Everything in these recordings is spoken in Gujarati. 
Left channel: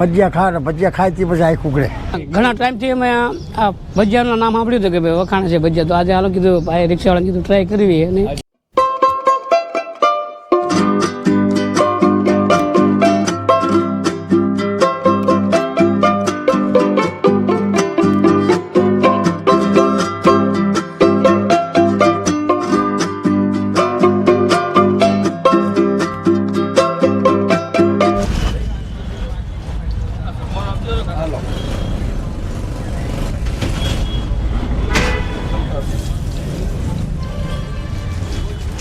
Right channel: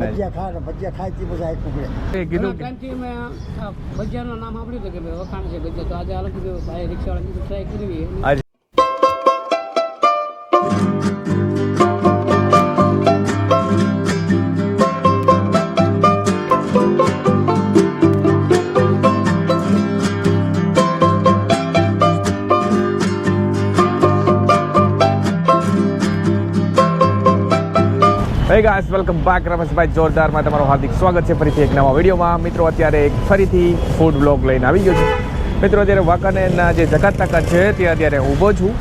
ભજીયા ખાયથી પછી આખું ઉકળે. ઘણા ટાઈમથી અમે આ ભજીયાનું નામ સાંભળ્યું હતું કે ભાઈ વખાણ છે ભજીયા, તો આજે હાલો કીધું ભાઈ રિક્ષાવાળાને કીધું ટ્રાય કરવી. અને વેલકમ બેક રમેશભાઈ જોરદારમાં તમારું હાર્દિક સ્વાગત છે ફરીથી એક નવા વિડીયોમાં. મિત્રો અત્યારે એક ફરીથી ફૂડ બ્લોગ લઈને આવી ગયો છું. મિત્રો અત્યારે વાંકાનેરના જે જકાત તાકાત છે ત્યાં અત્યારે ઊભો છું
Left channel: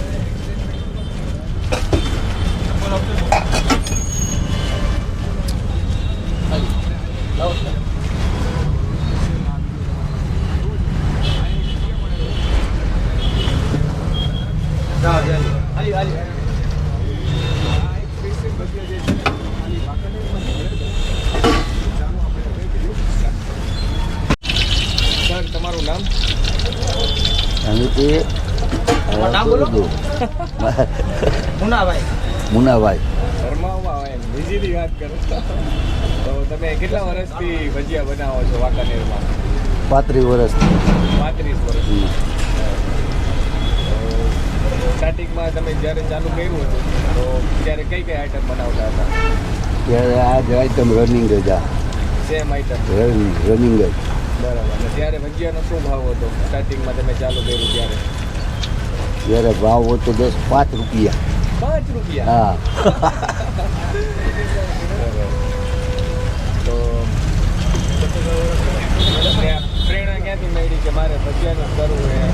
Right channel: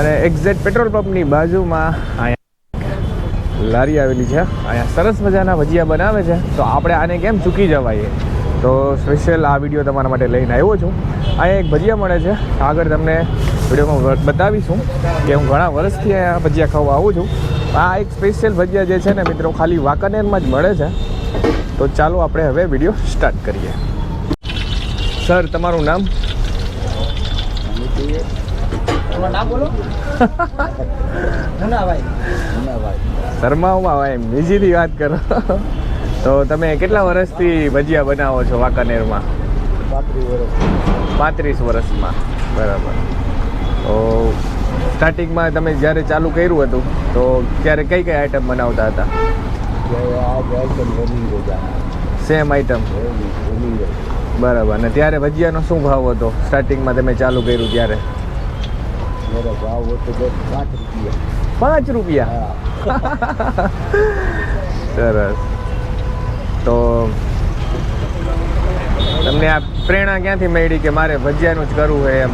અને એક્ઝેક્ટ પેટ્રોલ પંપની બાજુમાં અહીંયા લારી આવેલી છે. અહીંયા સરસ મજાના ભજીયા બનાવે છે, તો આપણે આને કેમ ચૂકી જવાય, તો સ્પેશિયલ આ વિડીયો તમારા માટે લઈને આવ્યો છું. અહીંયા એક ભજીયા મળે છે, આગળ તમને વિડીયોમાં બતાવીશું કે હું ઘણા વર્ષથી અહીંયા ભજીયા ખાવા આવું છું. આ એક સ્પેશિયલ ભજીયા જે છે ને મિત્રો ખાલી વાંકાનેરમાં જ મળે છે. તો ચાલો આપણે હવે વિડીયો સ્ટાર્ટ કરીએ. સર, તમારું નામ? મુનાભાઈ. શર્માઓમાં હોય એમ બીજીની વાત કરો. તો તમે કેટલા વર્ષથી ભજીયા બનાવો છો વાંકાનેરમાં? 35 વર્ષથી. 35 વર્ષમાં, બરાબર. તો સ્ટાર્ટિંગમાં તમે જ્યારે ચાલુ કર્યું હતું તો ત્યારે કઈ કઈ આઈટમ બનાવતા હતા? આઈટમ રનિંગ જ. સેમ આઈટમ રનિંગ જ. બરાબર. અને ત્યારે ભજીયાનો શું ભાવ હતો સ્ટાર્ટિંગમાં તમે ચાલુ કર્યું ત્યારે? જ્યારે ભાવ હતો 5 રૂપિયા. 5 રૂપિયા? હા. સરસ. તો તમને આ પ્રેરણા ક્યાંથી મળી કે મારે ભજીયાનું જ કરવું હોય એમ,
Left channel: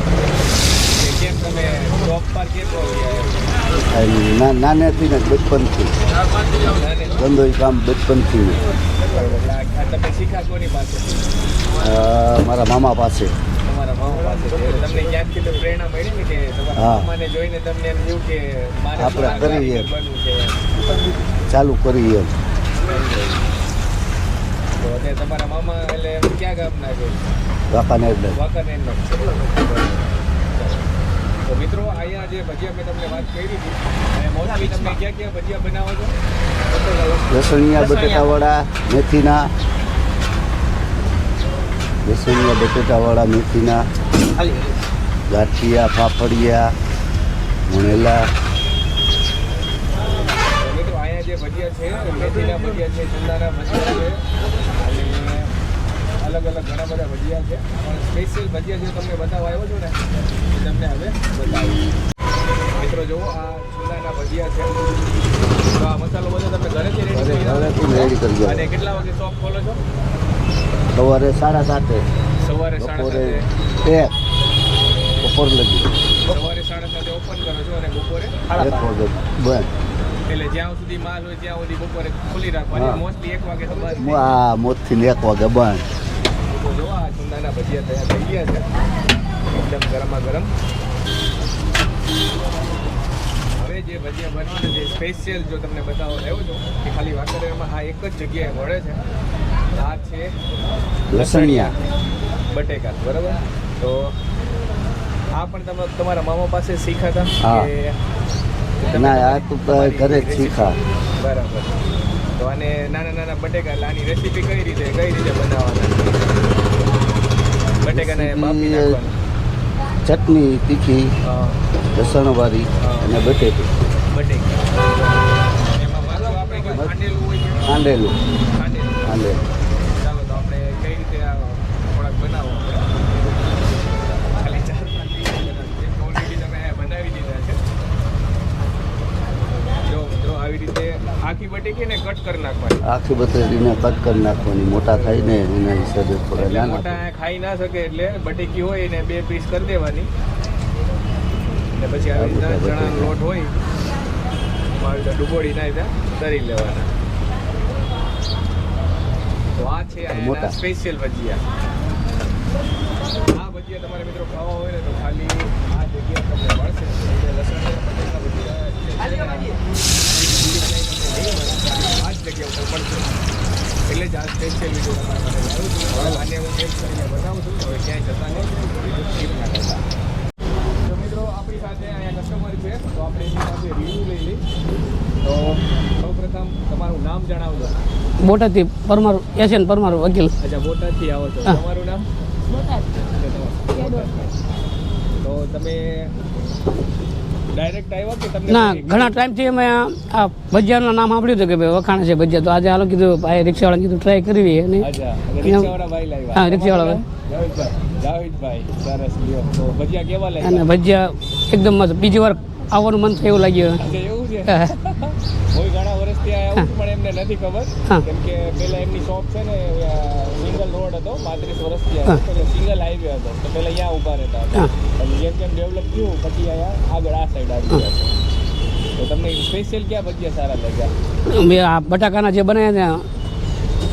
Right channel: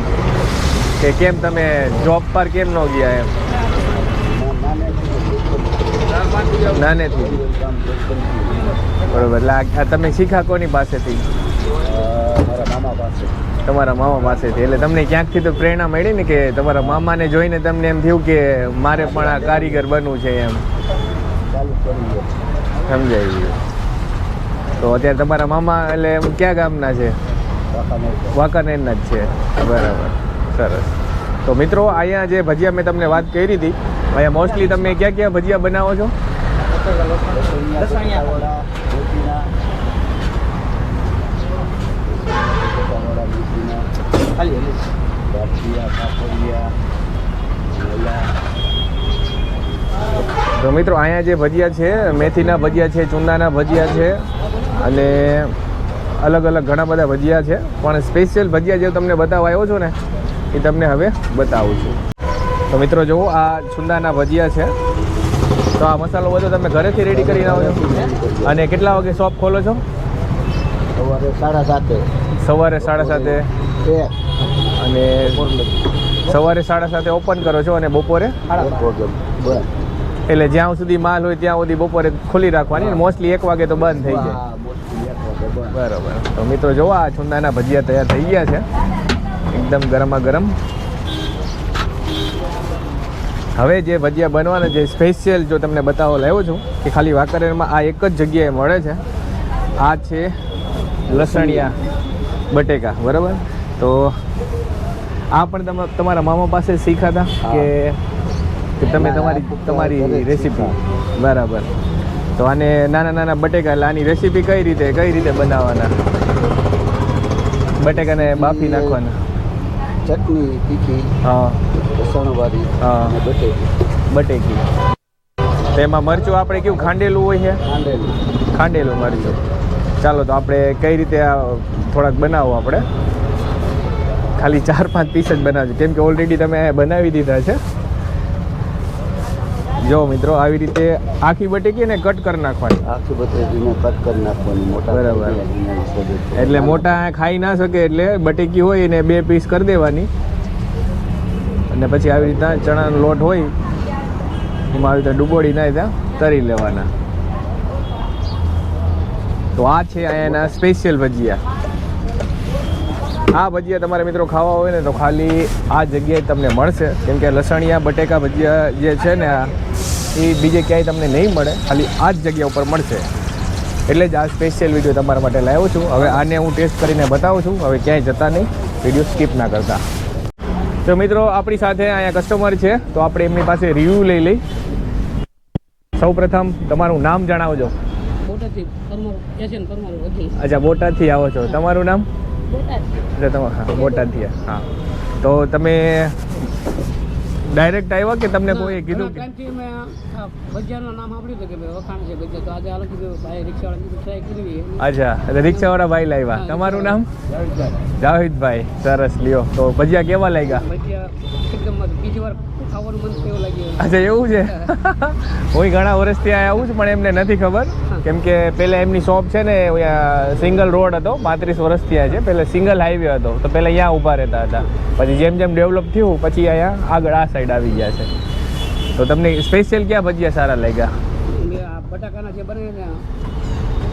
કે કેમ તમે જોબ પર કેમ ન ગયા એમ? નાનેથી ને બચપનથી. નાનેથી ધંધો કામ બચપનથી. બરાબર. એટલે આ તમે શીખા કોની પાસેથી? મારા મામા પાસે. તમારા મામા પાસેથી. એટલે તમને ક્યાંકથી તો પ્રેરણા મળી ને કે તમારા મામાને જોઈને તમને એમ થયું કે મારે પણ આ કારીગર બનવું છે એમ? ચાલુ કરી એમ. સમજાય. તો અત્યારે તમારા મામા એટલે ક્યાં ગામના છે? વાંકાનેરના જ છે. બરાબર. સરસ. તો મિત્રો અહીંયા જે ભજીયા મેં તમને વાત કરી હતી, અહીંયા મોસ્ટલી તમે ક્યાં ક્યાં ભજીયા બનાવો છો? લસણિયા બટેટાવાળા, મેથીના. લસણિયા બટેટાવાળા, મેથીના, ગાંઠિયા, પાપડિયા, ભણેલા. તો મિત્રો અહીંયા જે ભજીયા છે, મેથીના ભજીયા છે, ચૂંદાના ભજીયા છે અને અલગ અલગ ઘણા બધા ભજીયા છે. પણ સ્પેશિયલ ભજીયા જે તમને બતાવવા આવ્યો છો ને એ તમને હવે બતાવું છું. તો મિત્રો જુઓ, આ ચૂંદાના ભજીયા છે. તો આ મસાલો બધો તમે ઘરેથી રેડી કરીને આવો છો? અને કેટલા વાગે શોપ ખોલો છો? સવારે 7:30. સવારે 7:30. અને સવારે 7:30 ઓપન કરો છો અને બપોરે? એટલે જ્યાં સુધી માલ હોય ત્યાં સુધી બપોરે ખુલ્લી રાખવાની. મોસ્ટલી 1 વાગે તો બંધ થઈ જાય. મોસ્ટલી 1 વાગે બંધ. બરાબર. તો મિત્રો જોવો, આ ચૂંદાના ભજીયા તૈયાર થઈ ગયા છે, એકદમ ગરમા ગરમ. હવે જે ભજીયા બનવાના જે સ્પેશિયલ જો તમને બતાવવા લાવ્યો છું કે ખાલી વાંકાનેરમાં આ એક જ જગ્યાએ મળે છે. આ છે લસણિયા બટેકા. બરાબર. તો આ પણ તમારા મામા પાસે શીખ્યા હતા કે તમે તમારી રેસીપી? બરાબર. તો આને નાના નાના બટેકા, એટલે આની રેસીપી કઈ રીતે બનાવવાના? બટેકાને બાફી નાખવાના. ચટણી તીખી, લસણવાળી અને બટેકી. તો એમાં મરચું આપણે કેવું ખાંડેલું હોય છે? ખાંડેલું મરચું. ચાલો તો આપણે કઈ રીતે આ થોડાક બનાવો. આપણે ખાલી 4-5 પીસ જ બનાવજો, કેમ કે ઓલરેડી તમે બનાવી દીધા છે. જો મિત્રો, આવી રીતે આખી બટેકીને કટ કરી નાખવાની. આખી બટેકીને કટ કરી નાખવાની. મોટા એટલે મોટા ખાઈ ના શકે એટલે બટેકી હોય એને 2 પીસ કરી દેવાની. અને પછી આવી રીતના ચણાનો લોટ હોય એમાં આવી રીતે ડુબોળી નાખી તરી લેવાના. તો આ છે અહીંયાના સ્પેશિયલ ભજીયા. આ ભજીયા તમારે મિત્રો ખાવા હોય ને તો ખાલી આ જગ્યાએ તમને મળશે, કેમ કે લસણિયા બટેકા ભજીયા જે છે ને એ બીજે ક્યાંય તમને નહીં મળે, ખાલી આ જ જગ્યા ઉપર મળશે. એટલે જ આ સ્પેશિયલ વિડીયો તમારા માટે લાવ્યો છું. હવે આને હું ટેસ્ટ કરીને બતાવું છું. હવે ક્યાંય જતા નહીં, વિડીયો સ્કીપ ના કરતા. તો મિત્રો આપણી સાથે અહીંયા કસ્ટમર છે, તો આપણે એમની પાસે રિવ્યૂ લઈ લઈ. તો સૌપ્રથમ તમારું નામ જણાવજો. બોટાદથી પરમાર એશિયન પરમાર વકીલ. અચ્છા, બોટાદથી આવો છો. તમારું નામ? એટલે તમારું બોટાદથી. હા, તો તમે ડાયરેક્ટ આવ્યા કે તમને ના, કોઈ ઘણા ટાઈમથી અમે આ ભજીયાનું નામ સાંભળ્યું હતું કે ભાઈ વખાણ છે ભજીયા, તો આજે હાલો કીધું ભાઈ રિક્ષાવાળા કીધું ટ્રાય કરવી. અને અચ્છા, એટલે રિક્ષાવાળા ભાઈ લાવ્યા. હા, તમારું નામ? જાવેદભાઈ. સરસ, લ્યો. તો ભજીયા કેવા લાગ્યા? ભજીયા એકદમ મસ્ત. બીજી વાર આવવાનું મન થાય એવું લાગ્યું. અચ્છા, એવું છે. હું ઘણા વર્ષથી આવું છું પણ એમને નથી ખબર, કેમ કે પેલા એમની શોપ છે ને સિંગલ રોડ હતો, 35 વર્ષથી છે. પેલા સિંગલ હાઈવે હતો, તો પેલા અહીંયા ઊભા રહેતા હતા. પછી જેમ જેમ ડેવલપ થયું પછી અહીંયા આગળ આ સાઈડ આવી ગયા છે. તો તમને સ્પેશિયલ ક્યાં ભજીયા સારા લાગ્યા? મેં આ બટાકાના જે બનાવ્યા ત્યાં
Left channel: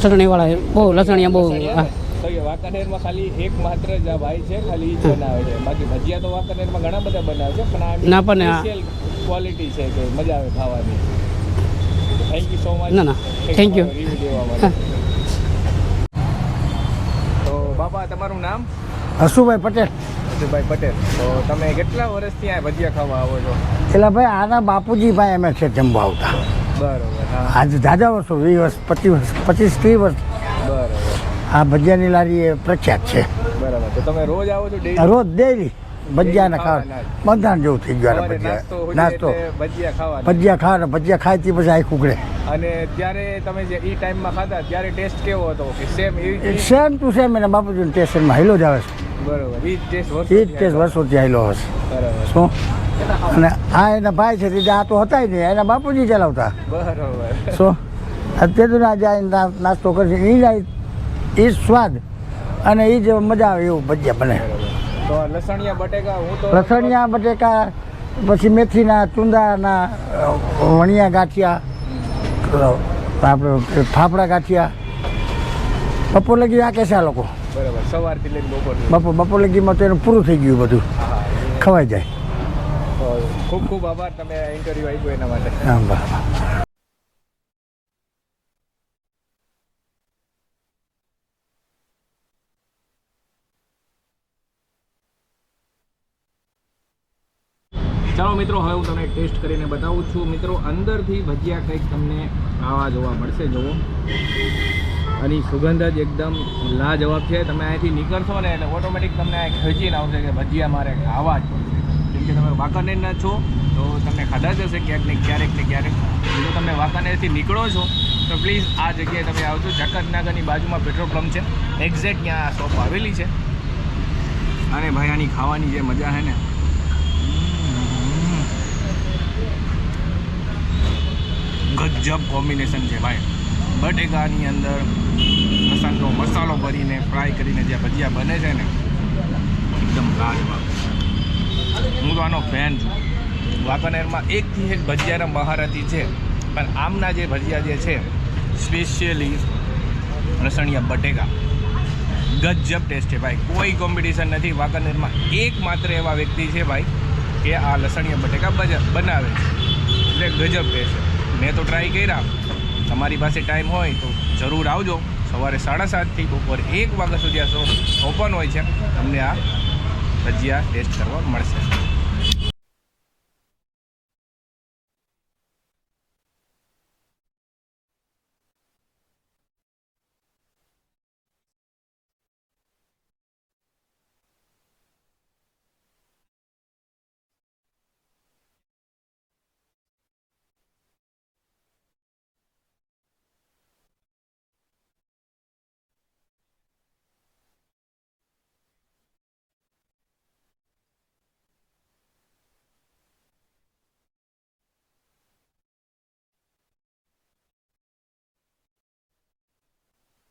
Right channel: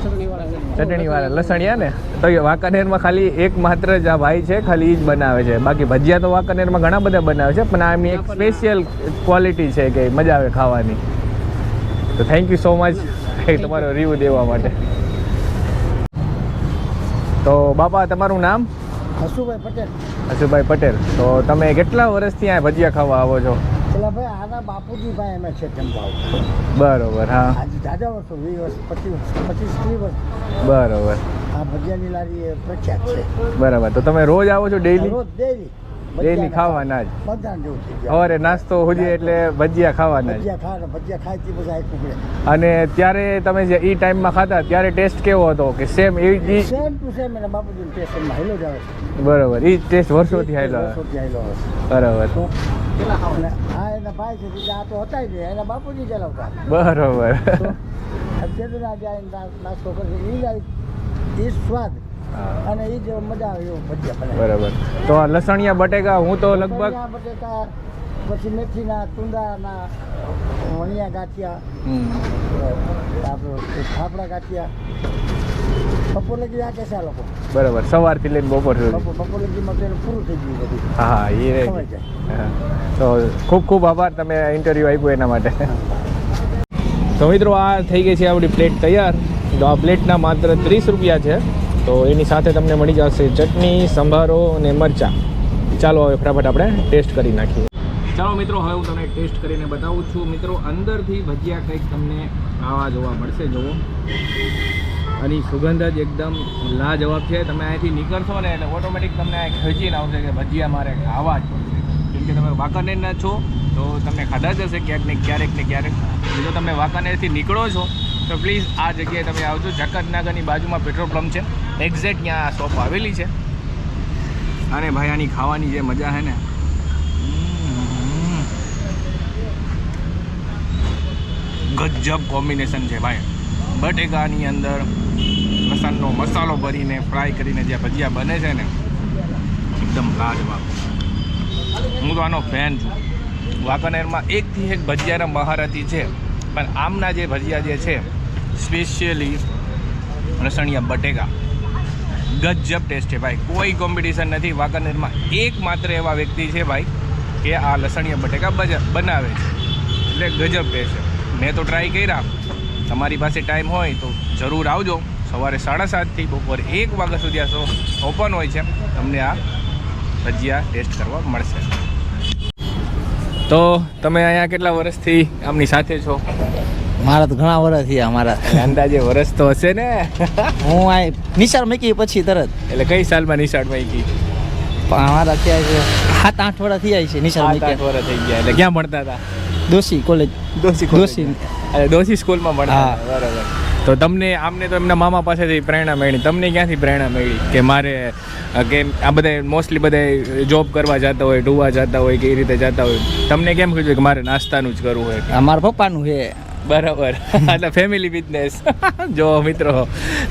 ચટણીવાળા બહુ લસણિયા ને. તો વાંકાનેરમાં ખાલી એક માત્ર જ આ ભાઈ છે, ખાલી ઈ જ બનાવે છે. બાકી ભજીયા તો વાંકાનેરમાં ઘણા બધા બનાવે છે, પણ આ એમની સ્પેશિયલ ક્વોલિટી છે કે મજા આવે ખાવાની. તો thank you so much thank you review દેવા માટે. તો બાપા, તમારું નામ? હસુભાઈ પટેલ. હસુભાઈ પટેલ. તો તમે કેટલા વર્ષથી આ ભજીયા ખાવા આવો છો? પેલા ભાઈ આના બાપુજી ભાઈ અમે છે જમવા આવતા. બરોબર. હા, આજે દાદા વર્ષો 20 વર્ષ 25-30 વર્ષ. બરોબર. આ ભજીયાની લારી એ પ્રખ્યાત છે. બરાબર. તો તમે રોજ આવો છો? ડેઈલી? રોજ ડેલી ભજીયા ખાવાના જ. બધા જેવું થઈ ગયું. સવારે નાસ્તો હોય એટલે ભજીયા ખાવાના. ભજીયા ખાવાના, ભજીયા ખાય તે પછી આખું ઉકળે. અને ત્યારે તમે જે ઈ ટાઈમમાં ખાતા ત્યારે ટેસ્ટ કેવો હતો? કે સેમ સેમ ટુ સેમ એના બાપુજીના ટેસ્ટમાં હાઈલો જ આવે છે. બરોબર. ઈ ટેસ્ટ વર્ષોથી હાઈલો આવે છે. બરોબર. શું અને આ એના ભાઈ છે તે આ તો હતા જ નહીં, એના બાપુજી ચલાવતા. બરોબર. શું અત્યારે ના જાય નાસ્તો કરશે એ સ્વાદ અને એ જે મજા આવે એવું ભજીયા બને. બરોબર. તો લસણિયા બટેકા, હું તો લસણિયા બટેકા, પછી મેથીના, ચુંદાના, વણિયા ગાંઠિયા, આપણે ફાફડા ગાંઠિયા બપોર લગી આ કે છે આ લોકો. બરોબર. સવારથી લઈને બપોર લગીમાં તો એનું પૂરું થઈ ગયું બધું. હા, એ ખવાઈ જાય. તો ખૂબ ખૂબ આભાર તમે ઇન્ટરવ્યૂ આપ્યો એના માટે. તો મિત્રો, આ થઈ ગઈ છે આપણી પ્લેટ તૈયાર. તો આ પ્લેટના માત્ર 30 રૂપિયા છે. તો એની સાથે તમને મળી જશે ચટણી, સંભારો અને મરચાં. ચાલો હવે ફટાફટ આપણે ટેસ્ટ કરી નાખીએ. ચાલો મિત્રો, હવે હું તમને ટેસ્ટ કરીને બતાવું છું. મિત્રો, અંદરથી ભજીયા કંઈક તમને આવા જોવા મળશે. જુઓ, આની સુગંધ જ એકદમ લાજવાબ છે. તમે અહીંથી નીકળશો ને એટલે ઓટોમેટિક તમને ખેંચીને આવશે કે ભજીયા મારે ખાવા જ પડશે. કેમ કે તમે વાંકાનેરના છો તો તમને ખાધા જ હશે ક્યાંક ને ક્યારેક. જો તમે વાંકાનેરથી નીકળો છો તો પ્લીઝ આ જગ્યાએ તમે આવજો. જકાતનાગરની બાજુમાં પેટ્રોલ પંપ છે, એક્ઝેક્ટ ત્યાં આ શોપ આવેલી છે. અને ભાઈ, આની ખાવાની જે મજા છે ને, ગજબ કોમ્બિનેશન છે ભાઈ. બટેકાની અંદર લસણનો મસાલો ભરીને ફ્રાય કરીને જે ભજીયા બને છે ને, એકદમ લાજવાબ. હું તો આનો ફેન છું. વાંકાનેરમાં એકથી એક ભજીયાના મહારથી છે, પણ આમના જે ભજીયા જે છે સ્પેશિયલી લસણિયા બટેકા, ગજબ ટેસ્ટ છે ભાઈ. કોઈ કોમ્પિટિશન નથી. વાંકાનેરમાં એકમાત્ર એવા વ્યક્તિ છે ભાઈ કે આ લસણિયા બટેકા બનાવે છે, એટલે ગજબ ટેસ્ટ છે. મેં તો ટ્રાય કર્યા. તમારી પાસે ટાઈમ હોય તો જરૂર આવજો. સવારે 7:30થી બપોરે 1 વાગ્યા સુધી આ શોપ ઓપન હોય છે. તમને આ ભજીયા ટેસ્ટ કરવા મળશે. તો તમે અહીંયા કેટલા વર્ષથી આમની સાથે છો? મારા તો ઘણા વર્ષ થયા. મારા અંદાજે વર્ષ તો હશે ને? હું આ નિશાળ મૂકી પછી તરત. એટલે કઈ સાલમાં નિશાળ મૂકી? મારા ત્યાં 7-8 વર્ષ થયા છે નિશાળ મૂકી. 7-8 વર્ષ થઈ ગયા. એટલે ક્યાં ભણતા હતા? દોશી કોલેજ. દોશી સ્કૂલમાં ભણતા. બરાબર. તો તમને આમને તો એમના મામા પાસેથી પ્રેરણા મળી. તમને ક્યાંથી પ્રેરણા મળી કે મારે કે આ બધા મોસ્ટલી બધા જોબ કરવા જતા હોય, ડૂવા જતા હોય કે એ રીતે જતા હોય, તમને કેમ કીધું કે મારે નાસ્તાનું જ કરવું હોય? મારા પપ્પાનું છે. બરાબર. એટલે ફેમિલી બિઝનેસ. જો મિત્રો,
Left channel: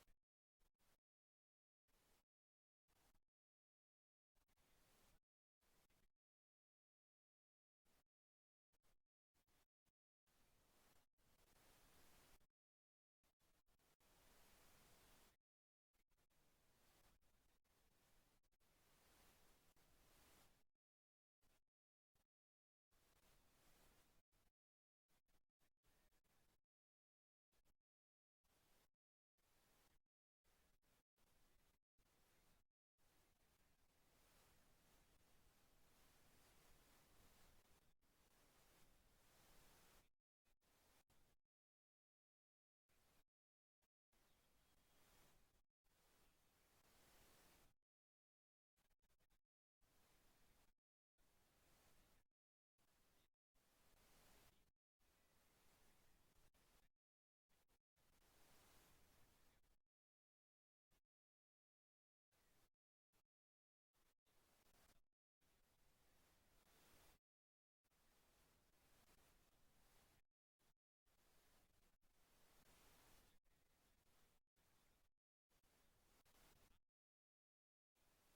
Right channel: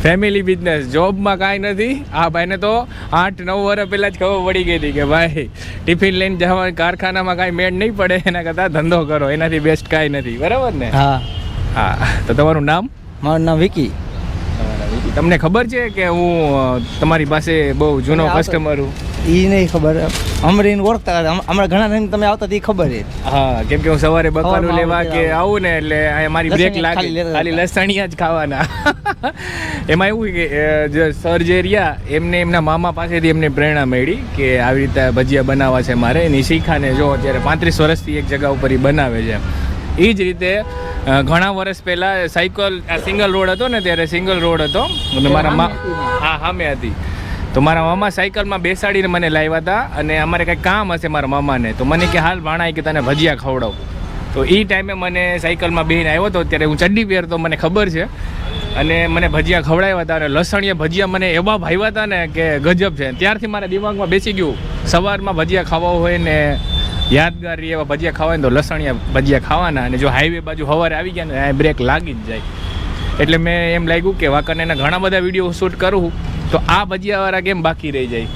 ફેમિલી બિઝનેસ, જોબમાં કાંઈ નથી. આ ભાઈને તો 8-9 વર્ષ પહેલાં જ ખબર પડી ગઈ હતી કે ભાઈ ટિફિન લઈને જવા કારખાનામાં કાંઈ મેળ નહીં પડે, એના કરતાં ધંધો કરો, એનાથી બેસ્ટ કાંઈ નથી. બરાબર ને? હા હા. તો તમારું નામ? મારું નામ વિકી. તમને ખબર છે કે હું તમારી પાસે બહુ જૂનો કસ્ટમર છું? એ નહીં ખબર. અમરીને ઓળખતા હમણાં ઘણા ટાઈમ તમે આવતા એ ખબર છે. હા, કેમ કે હું સવારે બકાલું લેવા કે આવું ને એટલે મારી બ્રેક લાગે, ખાલી લસણિયા જ ખાવાના. એમાં એવું કે જે સર જે રહ્યા એમને એમના મામા પાસેથી એમને પ્રેરણા મળી કે આવી રીતે ભજીયા બનાવવા છે મારે. એની શીખાને જો અત્યારે 35 વર્ષથી એક જગ્યા ઉપર એ બનાવે છે. એ જ રીતે ઘણા વર્ષ પહેલાં સાયકલ સિંગલ રોડ હતો ને ત્યારે સિંગલ રોડ હતો અને મારા હા સામે હતી. તો મારા મામા સાયકલમાં બેસાડીને મને લાવ્યા હતા અને અમારે કંઈક કામ હશે મારા મામાને, તો મને કે હાલ ભાણા કે તને ભજીયા ખવડાવું. તો એ ટાઈમે મને સાયકલમાં બેહીને આવ્યો હતો, ત્યારે હું ચડ્ડી પહેરતો મને ખબર છે, અને મને ભજીયા ખવડાવ્યા હતા. અને લસણીયા ભજીયા મને એવા ભાવ્યા હતા ને કે ગજબ છે. ત્યારથી મારા દિમાગમાં બેસી ગયું સવારમાં ભજીયા ખાવા હોય ને યાદગાર એવા ભજીયા ખાવા ને તો લસણીયા ભજીયા ખાવાના. અને જો હાઈવે બાજુ સવારે આવી ગયા ને બ્રેક લાગી જ જાય. એટલે મેં એમ લાગ્યું કે વાંકાનેરના ઘણા બધા વિડીયો શૂટ કરું તો આ ભજીયાવાળા કેમ બાકી રહી જાય,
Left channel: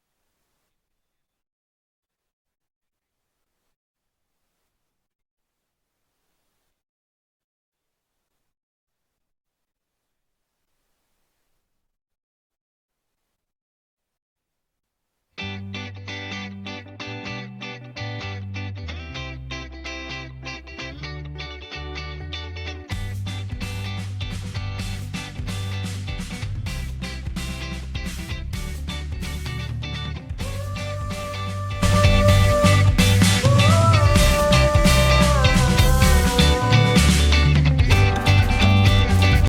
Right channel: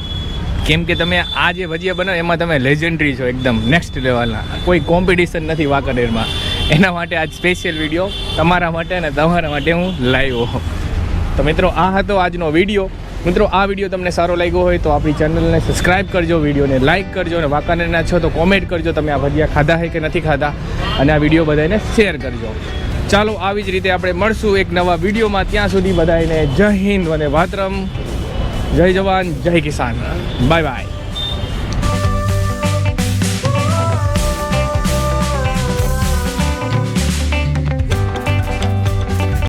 કેમ કે તમે આ જે ભજીયા બનાવો એમાં તમે લેજેન્ડરી છો, એકદમ નેક્સ્ટ લેવલના, કોઈ કોમ્પિટિશન નથી વાંકાનેરમાં. એના માટે આજ સ્પેશિયલ વિડીયો તમારા માટે ને તમારા માટે હું લાવ્યો. તો મિત્રો આ હતો આજનો વિડીયો. મિત્રો આ વિડીયો તમને સારો લાગ્યો હોય તો આપણી ચેનલને સબસ્ક્રાઈબ કરજો, વિડીયોને લાઇક કરજો, અને વાંકાનેરના છો તો કોમેન્ટ કરજો તમે આ ભજીયા ખાધા છે કે નથી ખાધા, અને આ વિડીયો બધાને શેર કરજો. ચાલો આવી જ રીતે આપણે મળશું એક નવા વિડીયોમાં. ત્યાં સુધી બધાને જય હિન્દ અને વાતરમ, જય જવાન જય કિસાન, બાય બાય.